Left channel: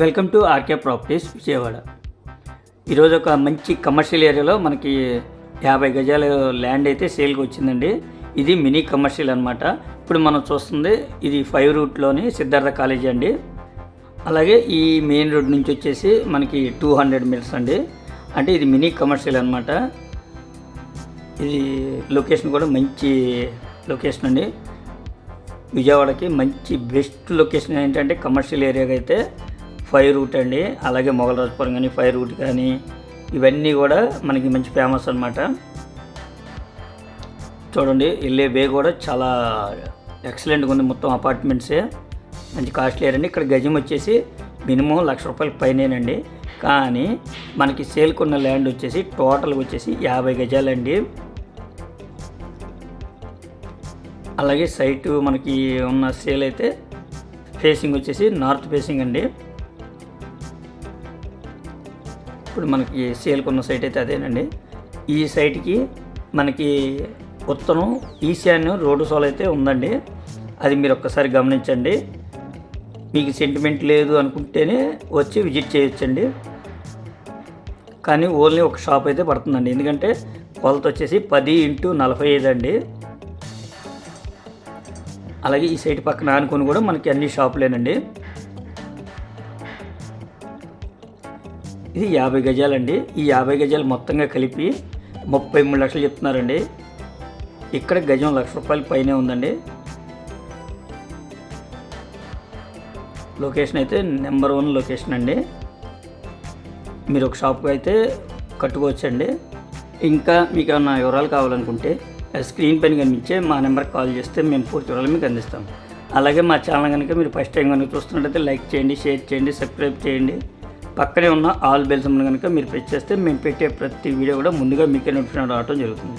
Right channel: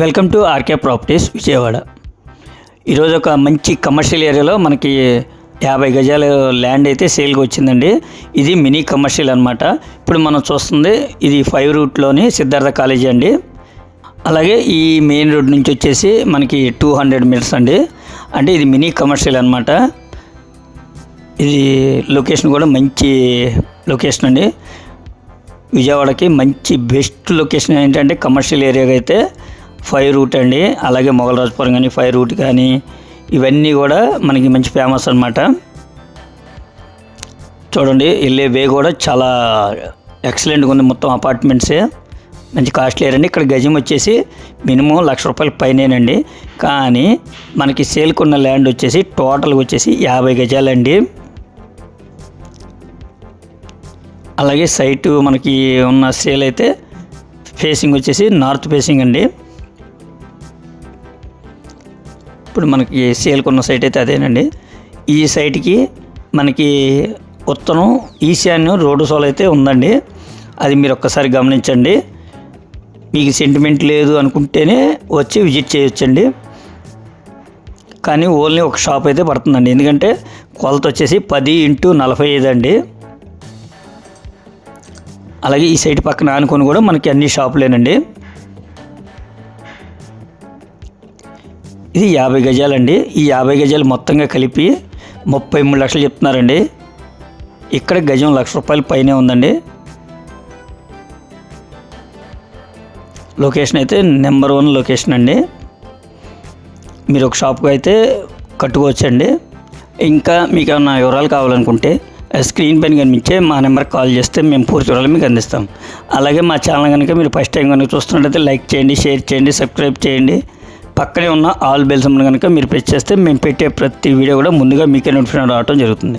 Welcome to RK properties Vijayawada. ఈరోజు ఒక మంచి కమర్షియల్ ఏరియాలో మనకి 50 గజాల ల్యాండ్ అయితే సేల్కి వచ్చిందండి. ఇది మినీ కమర్షియల్ అనమాట. ఇప్పుడు మనం చూస్తుంది ఇది 5 రూట్లోని సిద్ధార్థ కాలేజీ అండి. అలాగే ఈ మెయిన్ రోడ్ నుంచి వచ్చేసి మనకి 200 మీటర్స్ అండి. అంటే ఇది మినీ కమర్షియల్ అనమాట. ఇది లొకేషన్ కూడా మంచి లొకేషన్ అండి. విజయవాడకి మంచి బెస్ట్ లొకేషన్ ఏంటంటే కమర్షియల్ ఏరియాగా అయితే 5 రూట్ అండి. అలాగే మొగలరాజపురం కానీ 5 రూట్ కానీ ఇవన్నీ కూడా మనకి మంచి ఫేమస్ అనమాట. చూడండి వెళ్ళే వే కూడా చాలా ఎక్సలెంట్గా ఉంది. మొత్తం అపార్ట్మెంట్సే మంచి కాస్ట్లీ ఏరియా అండి. ఇక్కడ గజం వచ్చేసి మినిమం ₹1,00,000 పైనేనండి. కానీ మనకి సేల్కున్న ల్యాండ్ వచ్చేసి టోటల్గా వచ్చేసి 50 గజాలండి. అలాగే సైటు మనకి ఉన్న సేల్ అయితే ఫేసింగ్ వచ్చేసి నార్త్ ఫేసింగ్ అండి. ఇప్పుడు మనకి సేల్కున్న సైట్ అయితే అదేనండి. ఈ సైట్కి మనకి ఉత్తరం ఈశాన్యం రోడ్డు సోల్ అయితే ఉందండి. అది మీరు ఒక్కసారి గమనించండి. మీకు సెంటిమెంట్ లేదు అనుకుంటేనే వచ్చి విజిట్ చేయొచ్చండి. కానీ ఓన్లీ ఒక షాప్ అయితే పడుతుందండి. ఎందుకంటే కొలత వచ్చేసి 10x45 అండి. అలాగే ఈ సైట్ పక్కన ఆనుకొని కూడా మనకి అన్ని షాపులేనండి. ఇది 50 గజాలండి. ఈ 50 గజాలు మొత్తంగా కలిపి 33 లక్షలు చెప్తున్నారండి. ఇక్కడ గజం ₹1,00,000 పైనే ఉందండి. లొకేషన్ అయితే నెంబర్ 1 లొకేషన్ అండి. మీరు ఒక షాప్కి అయితే కట్టుకోవచ్చండి. ఇంకా మీకు ఏమైనా వివరాలు కావాలనుకుంటే స్క్రీన్ పైన కనిపించే మా నెంబర్కి కాల్ చేస్తే మేము పూర్తి వివరాలు మీకు అందిస్తాం. అలాగే మా ఛానల్ కనుక మీరు ఫస్ట్ టైం కనుక చూస్తున్నట్లయితే లైక్ చేయండి, షేర్ చేయండి, సబ్స్క్రైబ్ చేయండి. పక్కనే ఉన్న ఆల్ బెల్స్ కనుక మీరు ప్రెస్ చేస్తే మేము పెట్టే ప్రతి వీడియో కూడా ముందుగా మీకే నోటిఫికేషన్ రావడం జరుగుతుంది.